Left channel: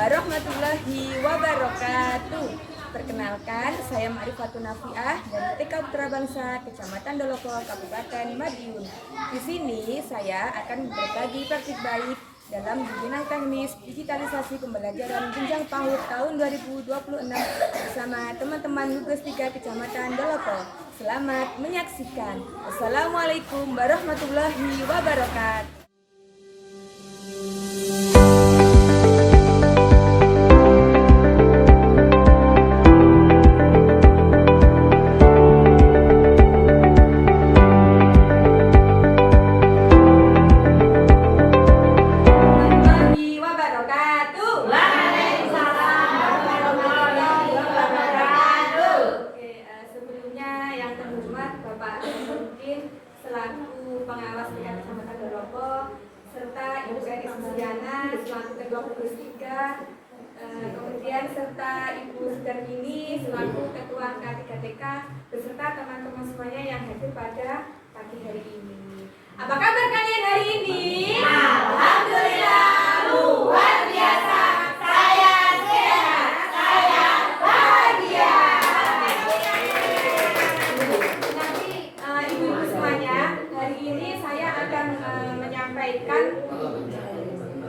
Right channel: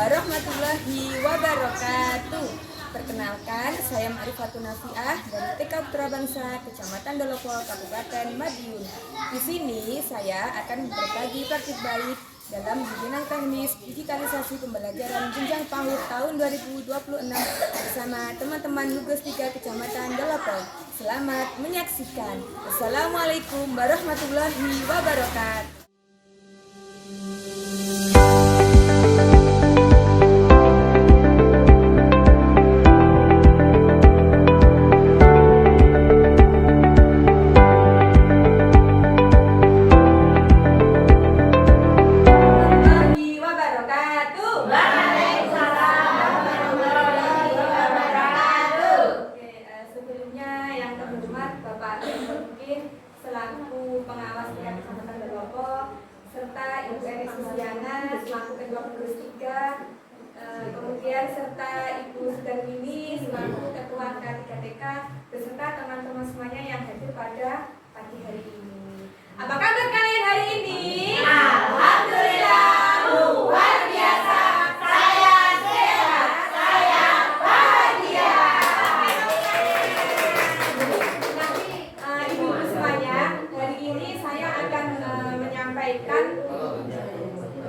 warahmatullahi wabarakatuh. Perkenalkan, saya Ma'rifatun Nafiah dari TK Putra Bangsa, Kecamatan Dolopo, Kabupaten Madiun. Di sini saya akan berbagi praktik baik dalam bidang teknis digitalisasi pembelajaran jenjang PAUD tahun 2026 bersama teman-teman Gugus 3 Kecamatan Dolopo. Selamat menyaksikan. Assalamualaikum warahmatullahi wabarakatuh. Bapak Mungkin selaku pengawas tingkat Kecamatan Dolopo serta Ibu Eni Susiana selaku Ketua Gugus 3, kemudian serta Ibu Sudarmini selaku Ketua K3TK beserta teman-teman semuanya yang hadir pada pagi hari ini. Apa kabar kalian hari ini? Alhamdulillah luar biasa. Saya sehat, saya bahagia. Ibu-ibu semuanya, hari ini saya akan menyampaikan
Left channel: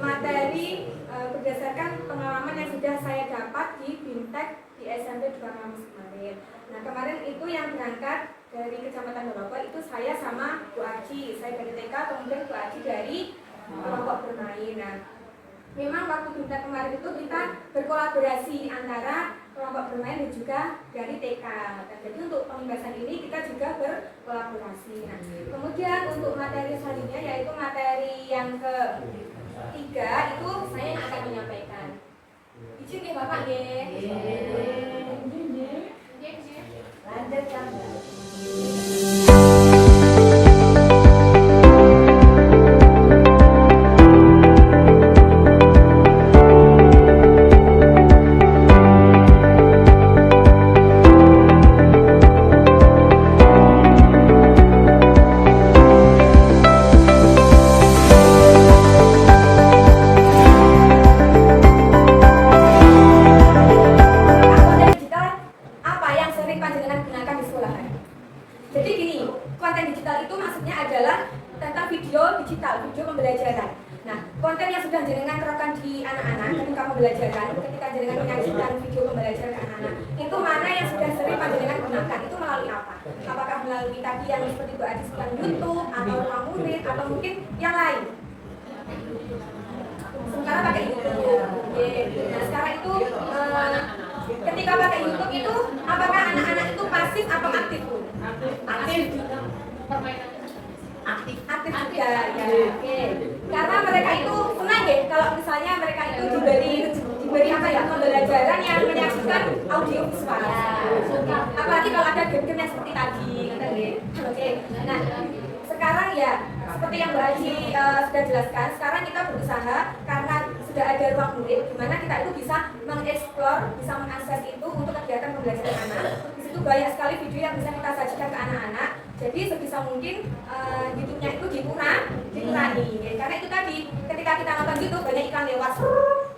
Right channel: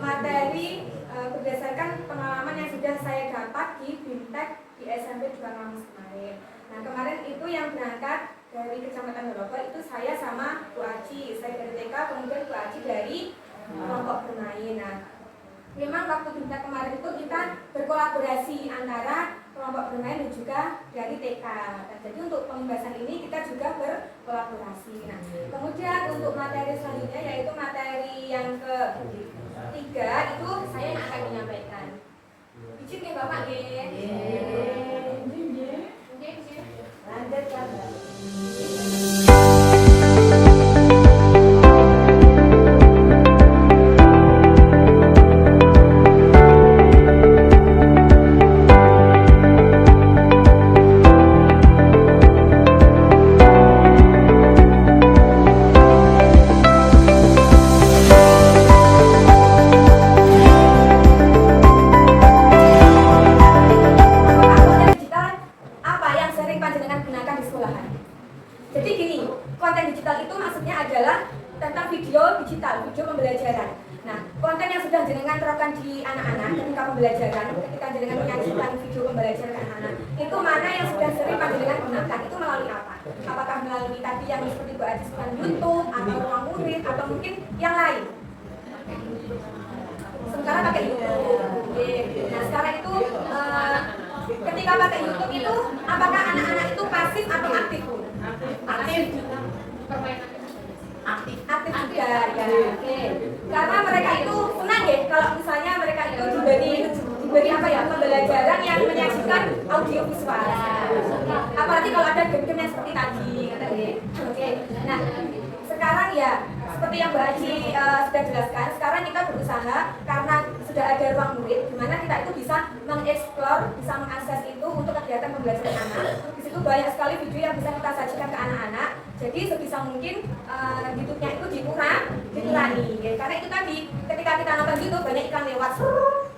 materi berdasarkan pengalaman yang sudah saya dapat di Bintek di SMP 2 Kamus kemarin. Nah, kemarin itu yang berangkat dari Kecamatan Dolopo itu saya sama Bu Aci, saya dari TK, kemudian Bu Aci dari kelompok bermain. Nah, memang waktu Bintek kemarin itu kita berkolaborasi antara kelompok bermain dan juga dari TK. Dan jadi untuk pembahasan ini kita juga berkolaborasi. Nah, kemudian untuk materi selanjutnya yaitu materi yang ketiga itu saya yang akan menyampaikan. Izin ya Bapak ya. Lanjutkan. Jadi gini, konten digital itu maksudnya adalah tentang video digital, video pembelajaran. Nah, konten yang sudah jenengan terapkan di anak-anak ketika pembelajaran, ketika jenengan menyajikan video pembelajaran ke anak-anak, itu mana yang sudah sering jenengan gunakan? Itu melalui apa? Apakah melalui tadi yang seperti Bu Adi sebutkan YouTube, atau ruang murid, atau mungkin yang lain? Sementara pakai YouTube. Nah, sekarang itu ketika pakai YouTube itu, apakah anak-anak itu pasif atau aktif? Aktif juga. Aktif juga ya. Oke. Karena mereka itu senang ya kalau misalnya mereka itu diberi apa ya, pembelajaran yang menyaksikan audio visual. Apalagi kalau ada game-game yang seperti tadi. Oke. Nah, sekarang ya seperti yang Mbak Haji sudah jelaskan, sekarang kita berusaha karena sudah ada ruang murid di mana kita itu bisa mengeksplor, bisa mengakses itu untuk kegiatan pembelajaran anak. Di situ banyak sekali video yang bisa kita sajikan ke anak-anak. Jadi sebisa mungkin YouTube-nya itu dikurangi. Ya. Karena itu tadi ketika kita nonton YouTube banyak iklan lewat.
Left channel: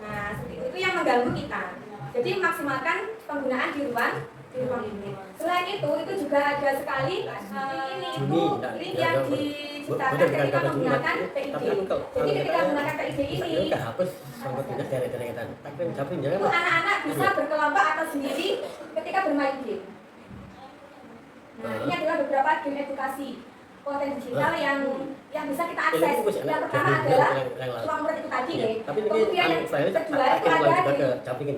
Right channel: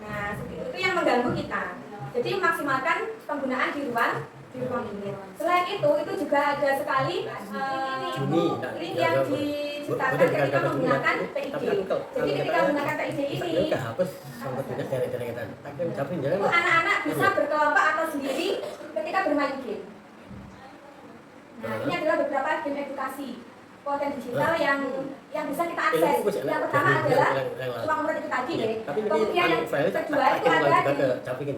Nah, seperti itu yang mengganggu kita. Jadi maksimalkan penggunaan di ruang murid. Selain itu juga ada sekali link yang diciptakan ketika menggunakan PID. Jadi ketika menggunakan PID ini itu anak-anak bisa berkelompok atau sendiri ketika bermain game. Nah, ini adalah beberapa game edukasi konten digital yang bisa kita akses. Yang pertama adalah ruang murid itu tadi ya. Kemudian yang kedua itu ada game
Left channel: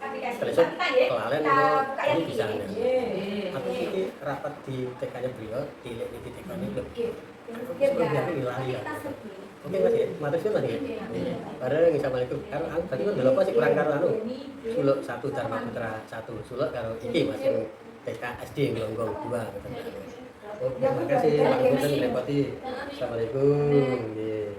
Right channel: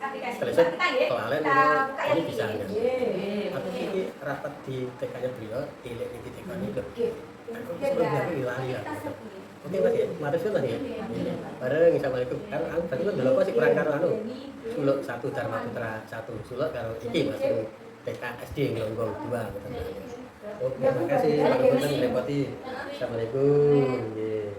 aplikasi kita ya. Kita buka yang ini. Aku ini rapat di TK-nya beliau di TK ini loh. Oke Mas ya, mari sih Mas ya. Bareng Assalamualaikum. Karo aku tadi kan Dolopo sih kurang karo Suluk 1 Dharma Putra 1 Suluk karo iki Mas TK SD Glonggong 2 gitu. Oke, makasih Pak Gubernur repoti. Assalamualaikum. Nggih.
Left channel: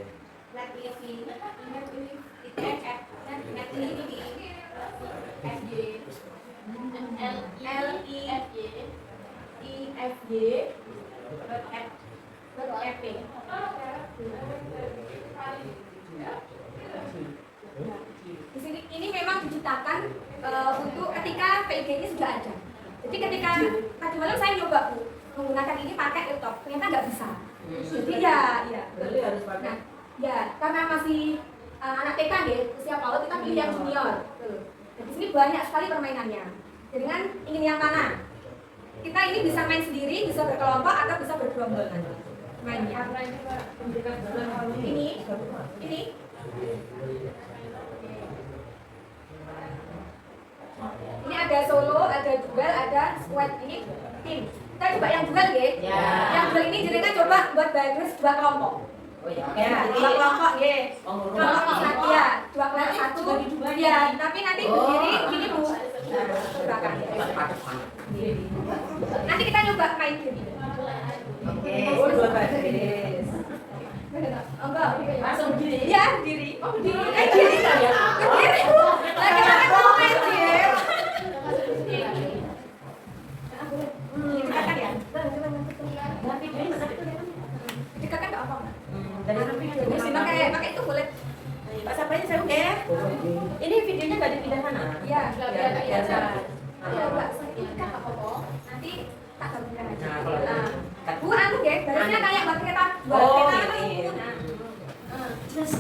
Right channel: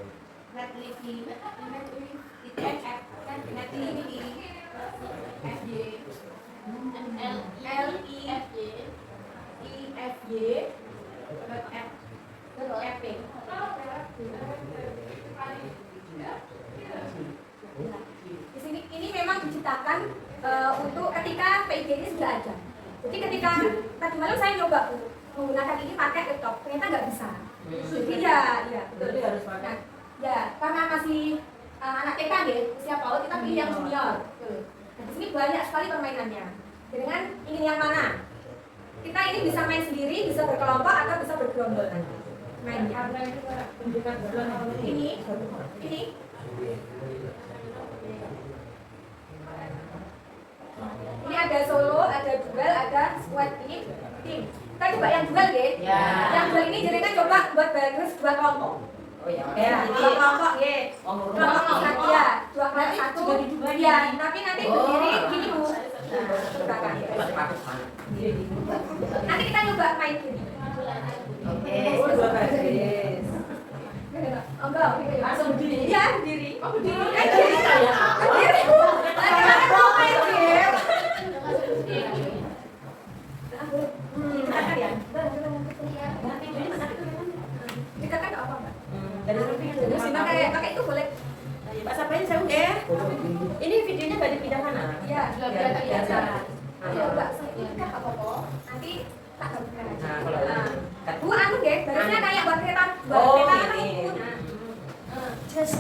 Jadi ketika tadi malam saya nyoba menggunakan ini pakai laptop, ternyata nggak bisa. Jadi ya, Jadi harus pakai. Ya, karena masih anak TK deh, usia PAUD kita pilih yang junior. Nah, di sini banyak sekali permainannya. Dengan ingin yang mana? Kita ini bisa main sendiri, bisa berkelompok atau bisa bergerombol. Main ya. Ini. Ini ada solo, ada duel, ada squad. Ini tim. Kita coba yang duel ya. Yang duel ini jenengan coba buat bagus 2 kelompok. Oh ya. Dua kelompok ya. Kelompok satu ya, 2 kelompok satu. Ya, tapi nanti berdiri gini Bu. Ke belakang. Nanti kita nyoba main gini. Oke. Oh, 2 baris. Enggak, Langsung berdiri. ya berdiri. Oh berdiri. Berdiri saya. Berdiri. Nah, kita kan mau main game. Dikatakan ya. Dikatakan nggak apa Mbak? Dari lebih dulu. Simak kayak pakai itu boleh. Pak Sapain saya udah. Ini videonya nggak dipindah mana? Iya, Biar biasa. Ya enggak, ini kan apa kok? Nanti tak gabungkan aja. Nah, kalau Bu anu deh, barisnya kayak buat kereta, buat Oh, kereta gitu. kan pun. Just.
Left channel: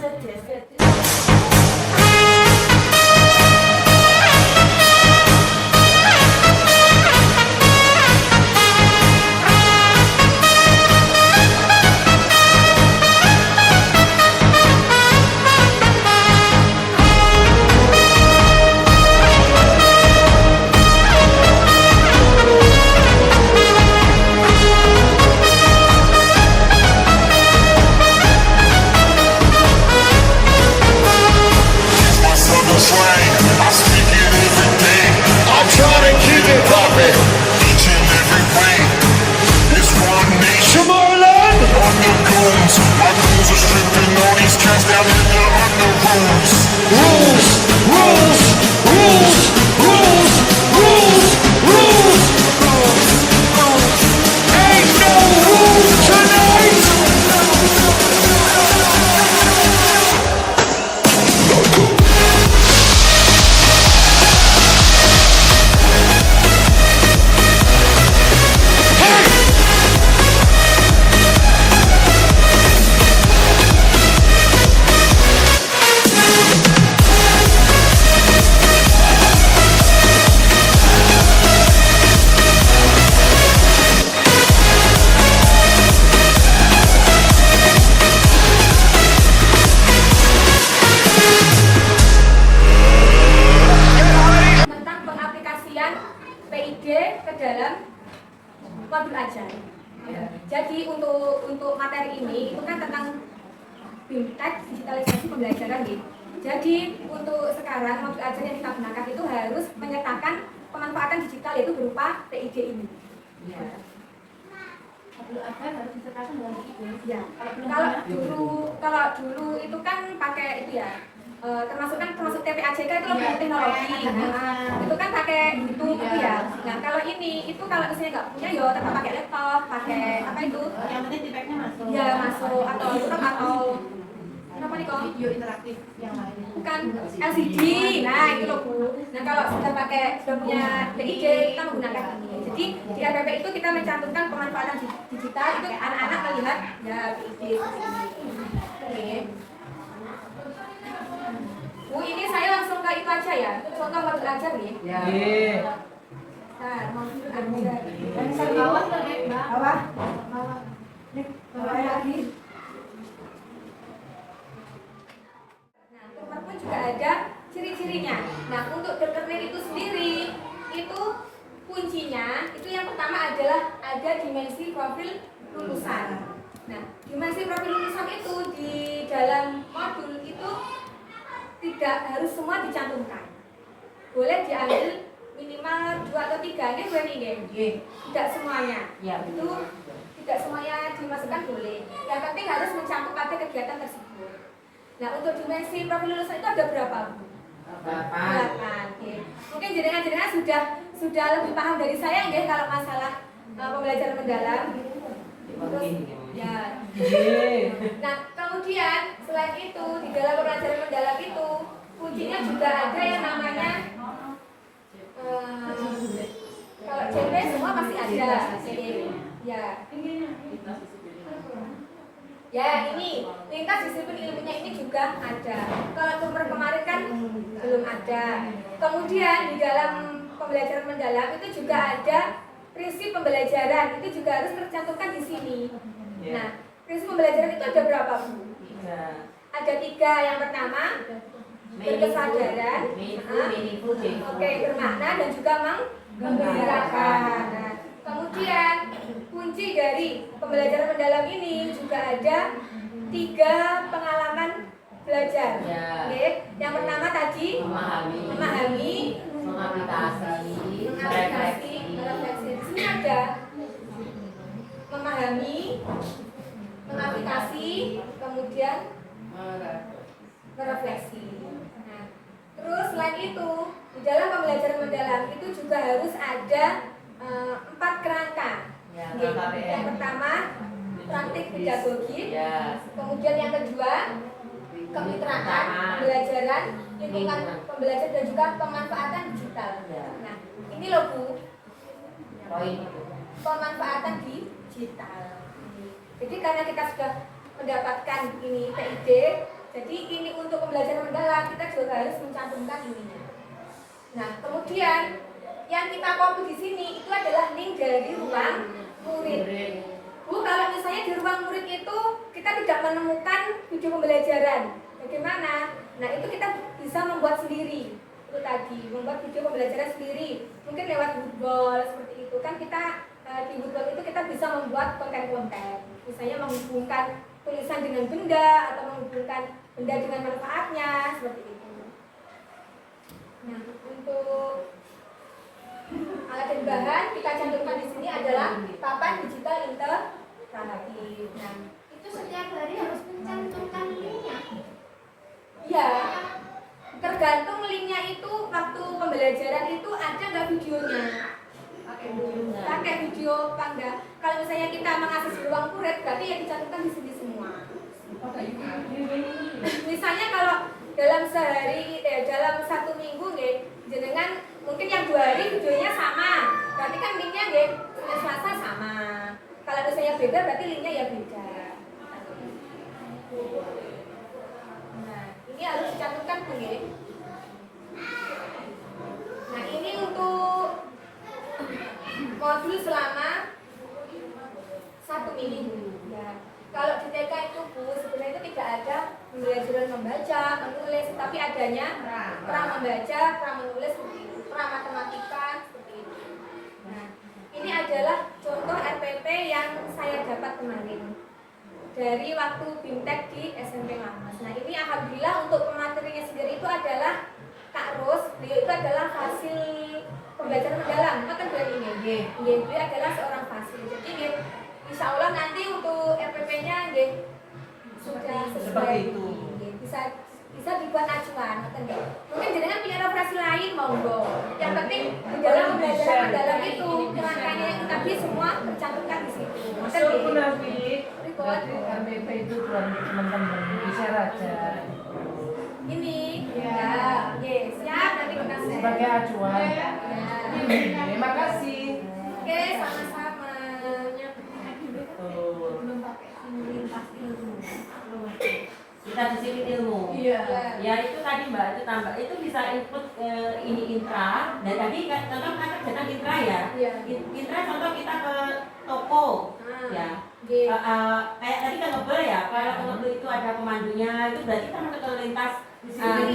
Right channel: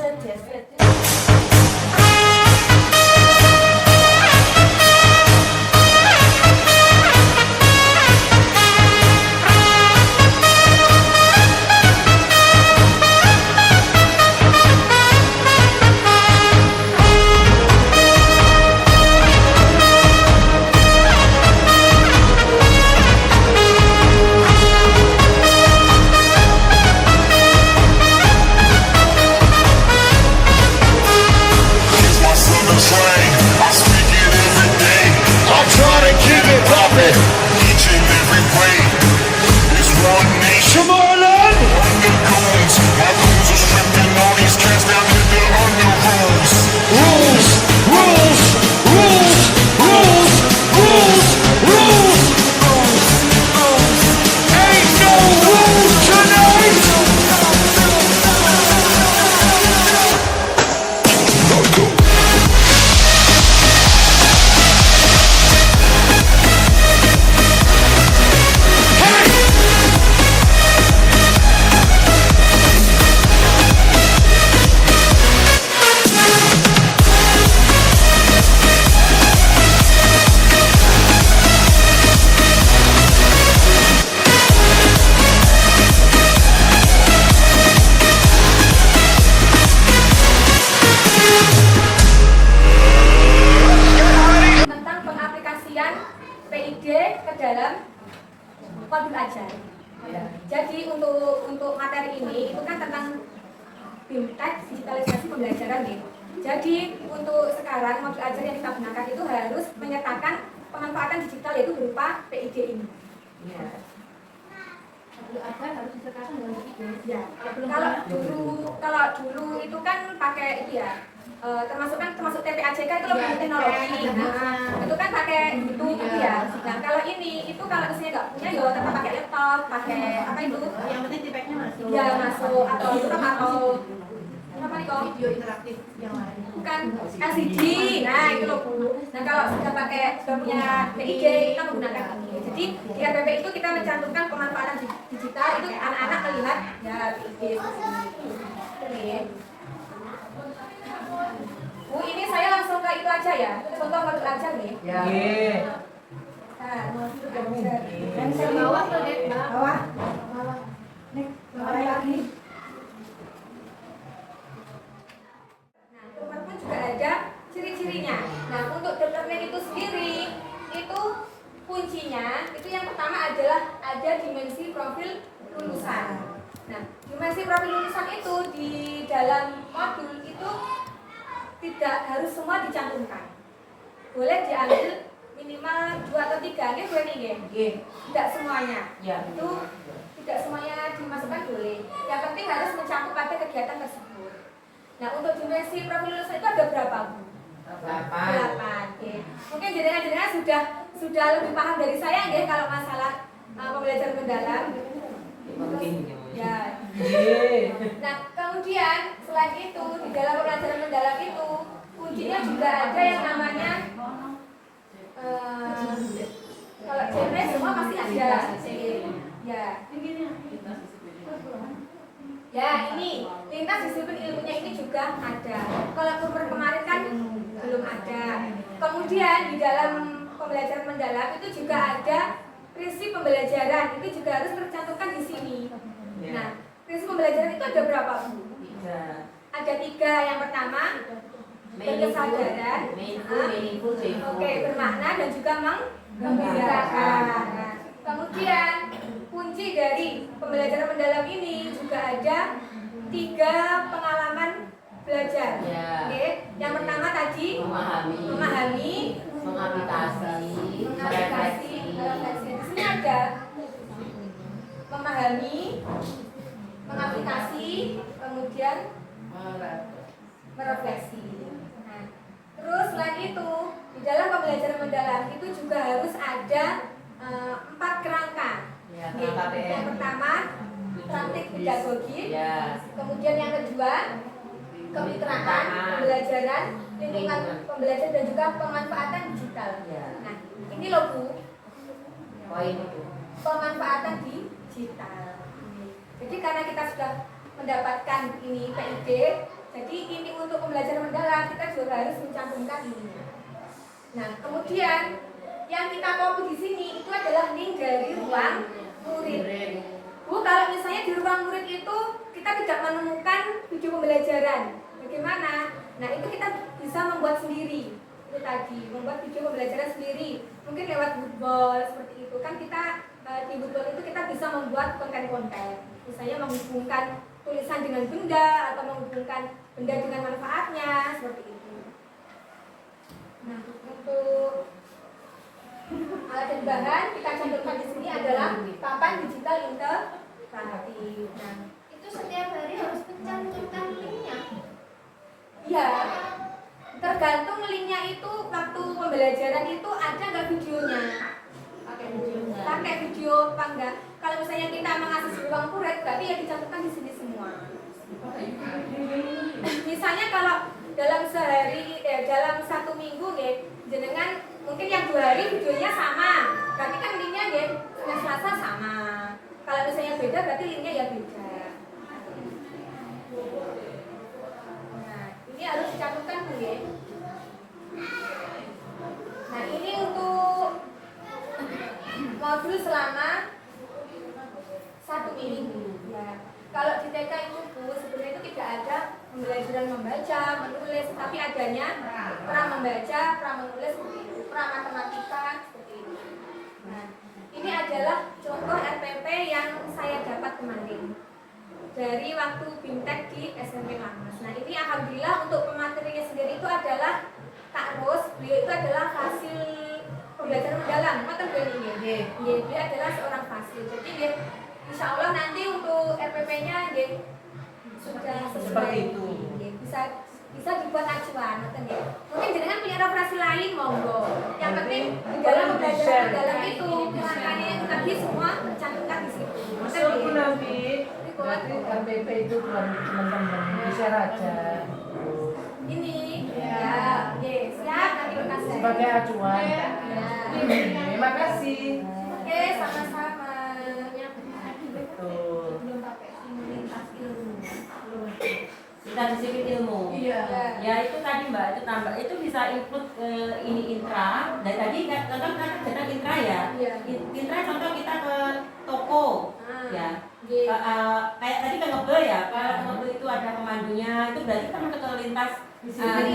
My southern slang, I speak it every day. I try to keep it poppin', each and every way. It's one nation, under goons. My goons are stripping all these cats down in the under rules. Rules, rules, rules, rules, rules, rules. Ain't no rules tonight. Tentang pengaplikasian PID ke dalam modul ajar. Jadi untuk materi ini itu kan tentang BIMTEK digitalisasi pembelajaran nih. Jadi untuk sekarang modul ajar yang kita gunakan itu harus menyertakan pemanfaatan digital yaitu berupa PID ini. Modul ajar harus disertakan dengan PID. Ya. Kalau Kalau dulu itu kan pakai itu ya. Termasuk TPAJK itu lebih teknologi. Nah, itu kan pakai itu ya. Nah, kalau ini itu kalau misalnya nggak punya ya tetap pakai laptop, pakai apa itu? yang penting tipeknya masuk. Ya masuk atau laptop atau apa nih kok? Video interaktif yang lain. Bukan LCD. Nah, itu loh Bu. Nah, kalau sudah punya PID kita menggunakan ini. Jadi di APP itu kita mencantumkan pemanfaatan digital itu anak-anak melihat ya PID. Oke. Bu, ini saya langsung ke itu aja ya. Contoh modul ajar nih. Ya. Nah, modul ajar. Dan ke bawah tuh deh, Mbak. Bawah. Bawah. Bawah lagi. Nah, dokter pun juga ada ciri-cirinya. Nah, untuk dokter itu sendiri, itu kuncinya, itu yang pertama adalah ada dimensi profil lulusan. Nah, dimensi profil lulusan itu di dalam modul itu tidak harus semua dicantumkan. Boleh diambil minimal 2 atau 3, ini boleh nih, tidak semuanya. Ya. Itu tidak semuanya dimasukkan boleh. Yang penting harus mencakup pada kegiatan tersebut. Nah, untuk dimensi profil lulusan itu ada berapa, Bu? 8. Oke. Mungkin jenengan sudah lebih paham dari saya nggih kalau masalah pembelajaran mendalam. Terus, ya. Nah, kemudian selain itu di dalam pembelajaran mendalam itu kuncinya juga ada yang namanya Kalau JP semua pasti ada. Ya. Ya, ini lintas disiplin ilmunya ini juga ada. Kalau kemarin kan belum ada. Kemudian di dalam pembelajaran mendalam itu juga ada prinsip pembelajaran, itu juga harus tercantumkan di sini. Nah, prinsip pembelajaran itu ada berapa, Bu? Ada 3. Yang pertama, berkesadaran, oke, bermakna dan juga menggembirakan. Nah, kemudian kunci dari pembelajaran mendalam ini juga ada 3 pengalaman belajar. Oke, yang pertama tadi memahami, mengaplikasi, refleksi. Di sini ada memahami, mengaplikasi, kemudian merefleksi. Nah, terus selain itu di dalam pembelajaran mendalam itu juga harus ada 4 kerangka. Yang pertama praktik pedagogi, kemudian yang kedua kemitraan pembelajaran, lingkungan pembelajaran dan juga pemanfaatan digital. Nah, ini loh Bu, pemanfaatan digital. Jadi karena kita sudah mendapatkan ini PID, jadi ini untuk pembelajaran mendalam kita juga harus mencantumkan ininya. Nah, kemudian yang kita copy di sini itu adalah link dari ruang murid. Bu, kalau misalnya di ruang murid itu kita tidak menemukan video pembelajaran, bagaimana? Nah, itu kita bisa membuat sendiri. Itu tadi, membuat video pembelajaran sendiri. Mungkin lewat Woodball seperti itu. Kan kita di Woodball itu kita bisa membuat konten-konten. Misalnya menghubungkan tulisan dengan benda atau menghubungkan benda dengan manfaatnya seperti itu. Nah, untuk alat dan bahan kita cantumkan di sini adalah papan digital interaktif. Nah, Itu setiap hari harus mencantumkan linknya. iya, tergantung linknya itu waktu pembelajaran itu ada nggak videonya. Pakai video apa enggak? Kalau misalnya kita mengakses di ruang murid, berarti ya dicantumkan di sini semua. Misalnya kalau dalam sehari, dalam 1 minggu, jenengan mungkin yang 2 hari videonya sama, berarti kan linknya Senin Selasa sama. Kalau misalnya beda, berarti linknya ya beda. Nah, ini harus dicantumkan Bu. Nah, ini untuk modul selama 1 minggu. Ya. Kalau di TK itu Bu, sebenarnya itu tidak ada pembelajaran membaca, menulis, tapi adanya pra membaca, pra menulis, pra matematika seperti itu. Nah, ini adalah contoh RPP yang saya dapat kemarin dari waktu BIMTEK di SMP Lamas. Nah, ini alhamdulillah untuk pematerinya sendiri itu adalah Kak Ros, beliau itu adalah hasil pembelajaran mendalam, kan ini. Beliau adalah seorang fasil. Jadi insya Allah nanti untuk RPP-nya sudah sesuai itu. Bisa dibuat acuan, mungkin jenengan punya referensi lain monggo. Yang penting di dalam pembelajaran mendalam itu langkahnya yang tadi semua tercantumkan di situ. Maksudku nanti RPP itu belum teman-teman bisa aja. Ini ya, siap nanti kita share. Sebagai acuan. Ya. Terima kasih. Oke, sama-sama. Betul. Lintas ilmu. Kita disiplin ilmu. Iya. Ya itu tadi Mbak, itu tambah itu bisa include ini intra. Dan tadi contoh kan sedang intra ya. Iya. Intra contoh kita ke toko. Ya. Kayak tadi ke mobil ya. Kalau ke mobil itu ada pemandunya, itu berarti kita masuk ke lintas disiplin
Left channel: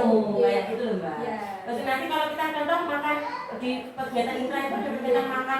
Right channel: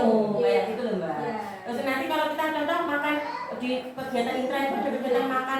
ilmu. Kayak gitu loh Mbak. Iya. Terus nanti kalau kita contoh makan di kegiatan intra itu ada kegiatan makan